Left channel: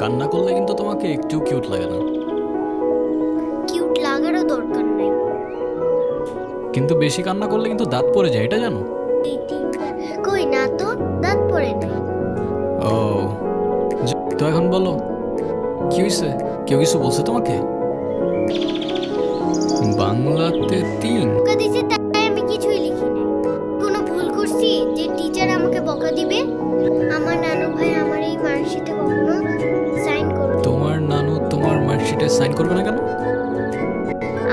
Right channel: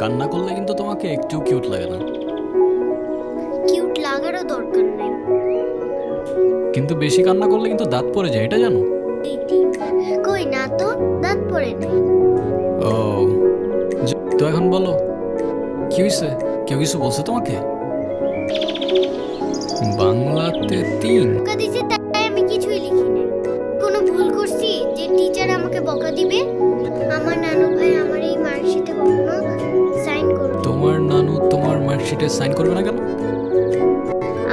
কান্না করলে কিন্তু তোমাকে একটু কিউট লাগে না। কিউট লাগারও দরকার নেই। কিন্তু বেশি কান্না করলে কিন্তু দাঁত পড়ে যায়, এটা জানো? কই না তো, দাঁত পড়ে নেই। ও তো এখন বলো কি হয়েছে? কেউ কিছু বলছে তোমাকে? বাংলাতে 3 বকা দিছে তাই আমি কিছুই লিখি নাই। কোনো ভুল করছি যে টিচার আমাকে বকা দিবে? আমার নানু ভাই আমার এই মার্কশিটে কখনো সাইন করবে। তোমার নানু তোমার মার্কশিটে সাইন করবে না কেন?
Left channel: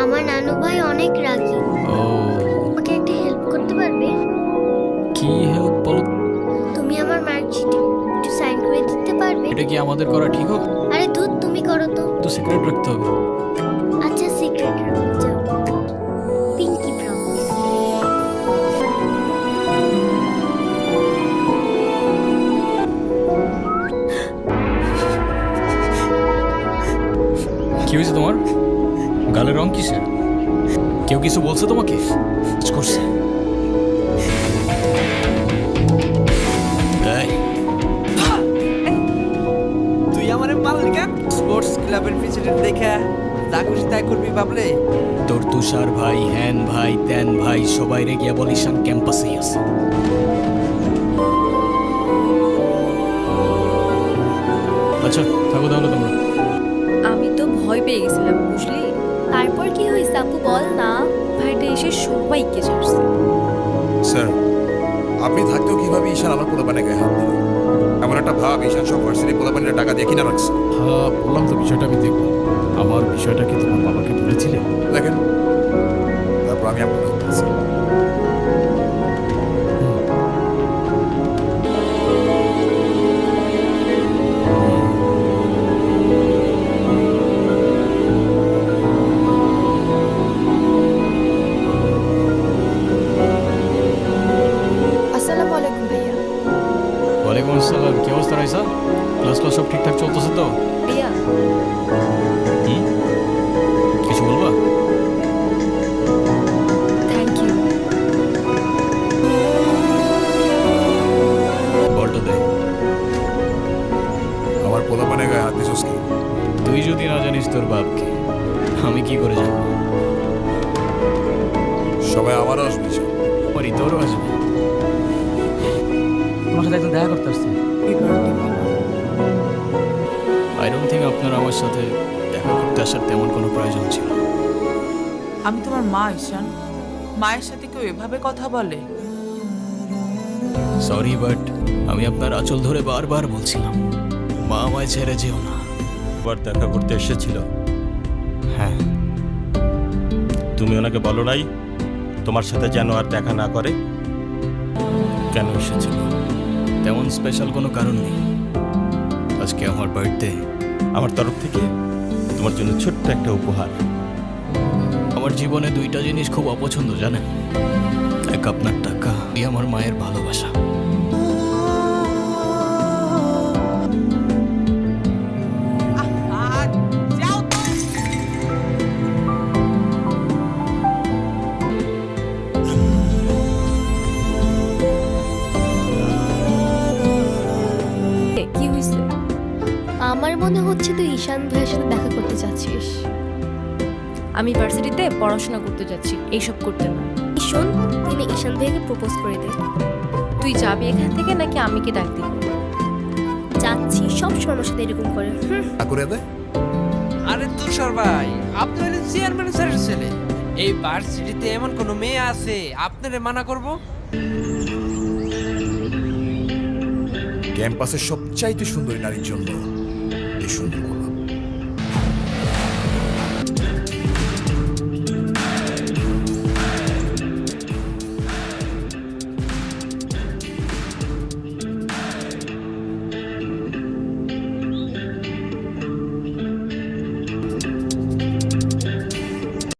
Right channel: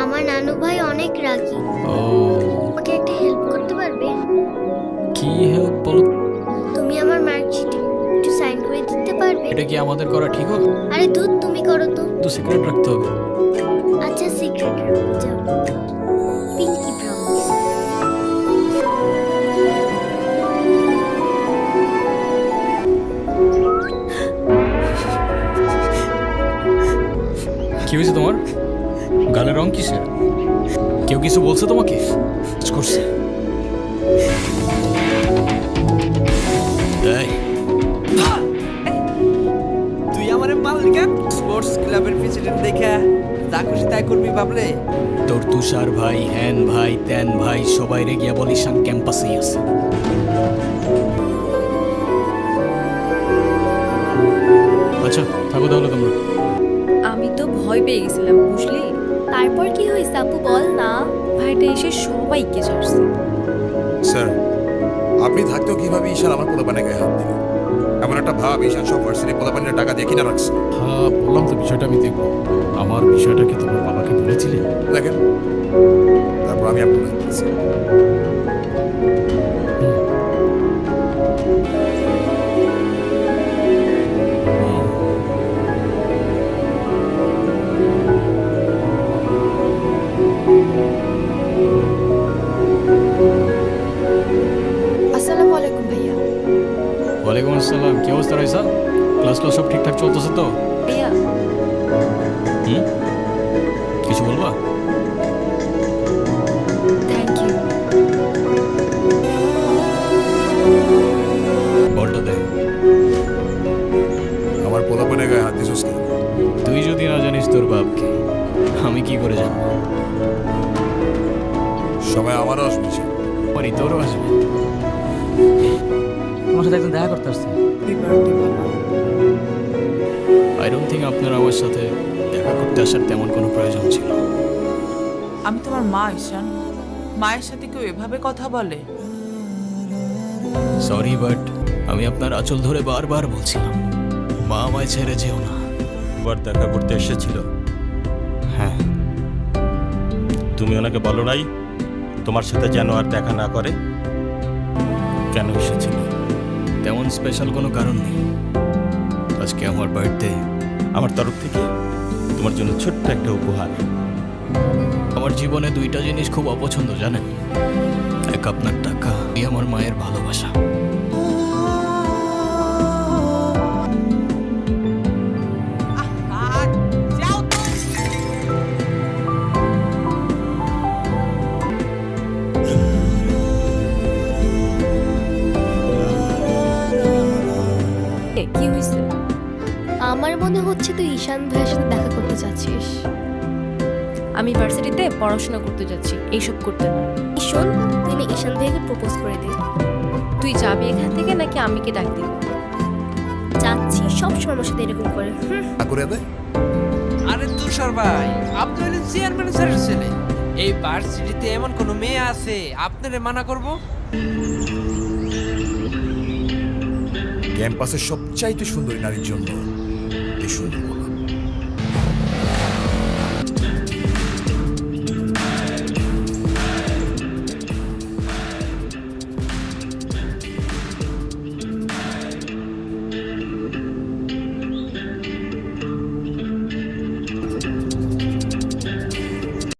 আমার নানু ভাই অনেক রাগী। ও আমাকে একটা হেল্প করতে পারবে? কি হেল্প বলো? তুমি আমার মার্কশিটে একটু সাইন করে দিতে পারবে? এটা কি আমাদের করা ঠিক হবে? আরে দুধ তুমি করো তো। তো সিক্রেট রাখতে হবে। আচ্ছা সিক্রেট রাখো, যাও। Pinky promise. কি হয়েছে তোমার? গালের রং কিসের? কেউ কিছু বলছে তোমাকে? কাজ করছে? এই, তুই আমার মালিক স্পোর্টস ক্লাবের প্রেসিডেন্ট দেখা যা খুশি তাই করবি ভাবলে? তোর তুষার ভাই, হ্যান ভাই, ত্যান ভাই সবাই রে গিয়া বল ঈশান ক্যাম্পাসেই আছে। আচ্ছা থাকো তাহলে তোমরা। আমি তো ভয় পেয়ে গেছিলাম বুঝলি। তারপর কি হয়েছে আপু বল না। ভাইটা এসে সবাইকে ছাড়ছে। স্যার, আপনি থাকতেও কিভাবে ঈশান আমার পোলাপানে গায়ে হাত দিল? এমন একটা ভাব ঈশান সব ভার্সিটি পোলাপানিরা টাকা দিয়ে কিনা রাখছে। হ্যাঁ বললাম তো বিষয়টা আমি দেখবো। আমার বিষয়টা কি তোমার বাবাকে বলেছিলে? দেখেন, তারপর আমি আপনাকে বলছি। আসসালামু আলাইকুম ভাইয়া। ওয়ালাইকুম আসসালাম। কি অবস্থা রাইসা? ক্লাস সব ঠিকঠাক চলতেছে তো? ভাইয়া হুম, কিছু বলবা? Thank you. বলটা দে। আমার পোলাপানে গায়ে হাত দিছস কি? তুই যদি না জানিস তোর বাপকে, আমি কি করে জানবো? সবাই আমারও আসবে স্যার। পারি তোরও আসবে। তোমার সাথে একজন দেখা করতে আসছে। আই ডোন্ট থিঙ্ক আপনার আমার সাথে দেখা করতে আসার তেমন কোনো প্রয়োজন ছিল। আমি তোমার মা ঈশান। মায়ের সাথে কেউ এভাবে কথা বলে? সরি বাট আমি আপনার আঁচল ধরে বারবার বলছিলাম মা আমায় ছেড়ে যেও না। একবার দেখা করতে এসেছিল। হ্যাঁ, তুমি ওনাকে বলো নাই তোমার সাথে যেন আর দেখা না করে? কেন এসেছিল? তেমন স্পেশাল কোনো কারণ নেই। আজকে আমার বার্থডে। আমার তরফ থেকে তোমার জন্য ছোট্ট একটা উপহার। আমার জীবনে 2টা জিনিস খুব অপছন্দ জানেন? এক আপনার টাকা, আমার মায়ের ভালোবাসা। যাও তো। কি হয়েছে? আমার মনে হচ্ছে তুই ঈশান ভাইয়ের সাথে দেখা করতে চাচ্ছিস। আমি ভার্সিটিতে পড়াশোনা করতে যাচ্ছি, এইসব করতে না। শোন, তুই না ঈশান ভাইকে প্রপোজ করে দে। তুই যাবি এখান থেকে নাকি আমি কি ডাক দিব? যাচ্ছি, সব সময় আমার সাথে এরকম করে। করে দেয়। আরে তুষার ভাই, আপনি হলেন চেয়ারম্যান স্যারের ছেলে। এই ভার্সিটিতে এমন কোনো মেয়ে আছে আপনারে মানা করব? ক্যাম্পাসের সবচাইতে সুন্দরী নারীর জন্য এই সুন্দর গোলাপ।